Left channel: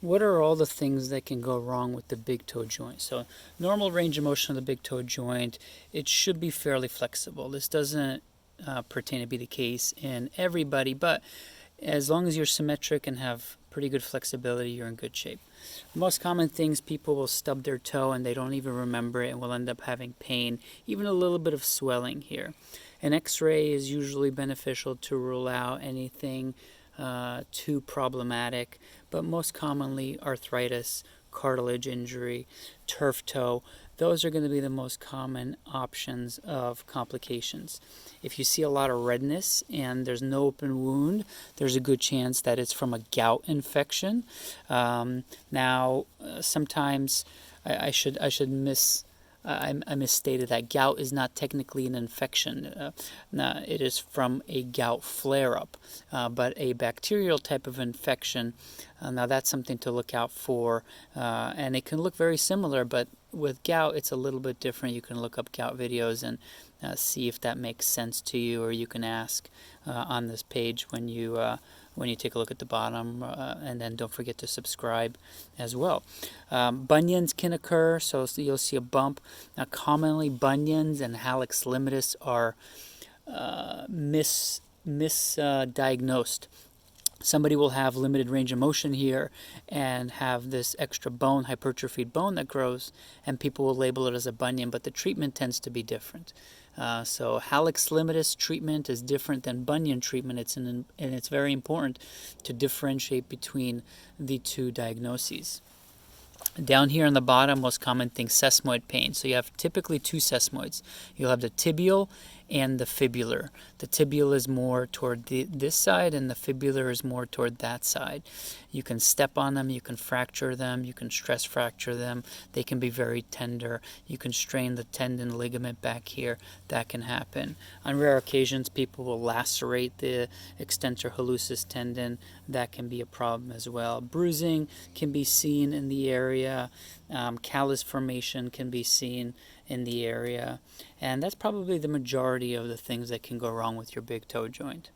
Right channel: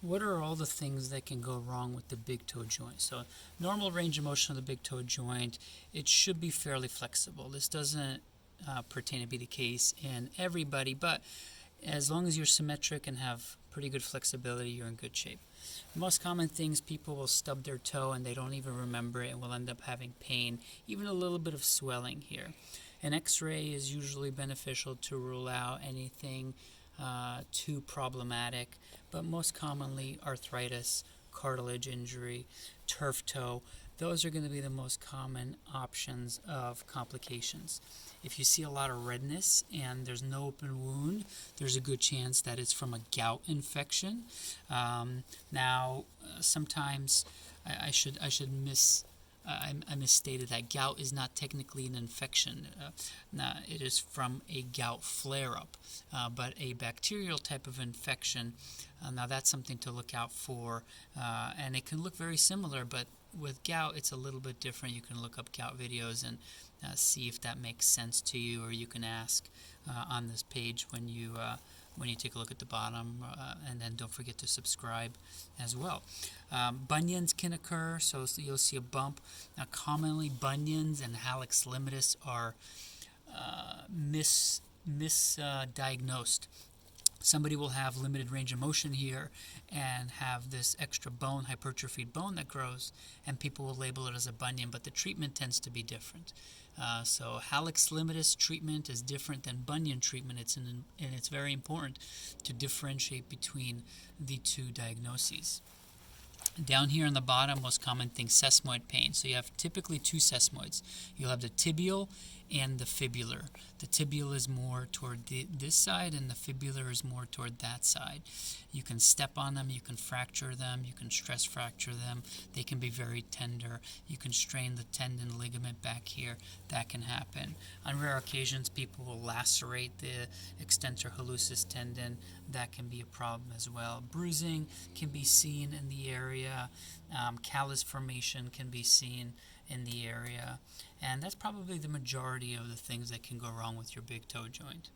what are all the things that can go wrong with the big toe joint? So normal range of motion of the big toe joint, it should be fairly flexible. This doesn't pertain to be the case in everybody, but as long as you're symmetric and have pretty good flexibility, you're in good shape. The most common things, people will stub their toe and they don't even remember it and will end up having pain, even a little bit of swelling here. An x-ray is usually beneficial to rule out anything too problematic, but most commonly arthritis, cartilage injury, turf toe, those are going to be the most common options of complications. If you see a lot of redness and there's no open wound, there's a good chance that it's from a gout infection. Sometimes I misstated that gout is not technically an infection. It is from a gout flare-up, but a bacterial type of infection. Now that's something to look out for, and it can look very similar, but with gout it's a little bit different. You can look up gout videos and see if that makes sense to you, or you can ask on this page when you take a look at the bottom, and then don't forget to subscribe as well. Bunions can occur, so you'll see a bump. Now commonly bunions and hallux limitus are misdiagnosed. Somebody will have limited range of motion here and have this extra bone, hypertrophied bone that grows, and people will label it as a bunion, but the treatment tends to be different. So hallux limitus treatment is different than bunion treatment. And it's very important to differentiate between the two diagnoses. Down here on the bottom, most common thing, sesamoid pain. So you have typically two sesamoids. You'll have the tibial and the fibular. The tibial is more toward this side, and the fibular is more toward that side. You can step on them, you can fracture them, you can stress fracture them. They can be very tender. You can strain the tendon ligament back here. That can happen. On rare occasions, people will lacerate the extensor hallucis tendon. That can be a problem as well. Bruising can be seen in the area. Callus formation can be seen in the area, and that's probably the majority of the things that can go wrong with your big toe joint.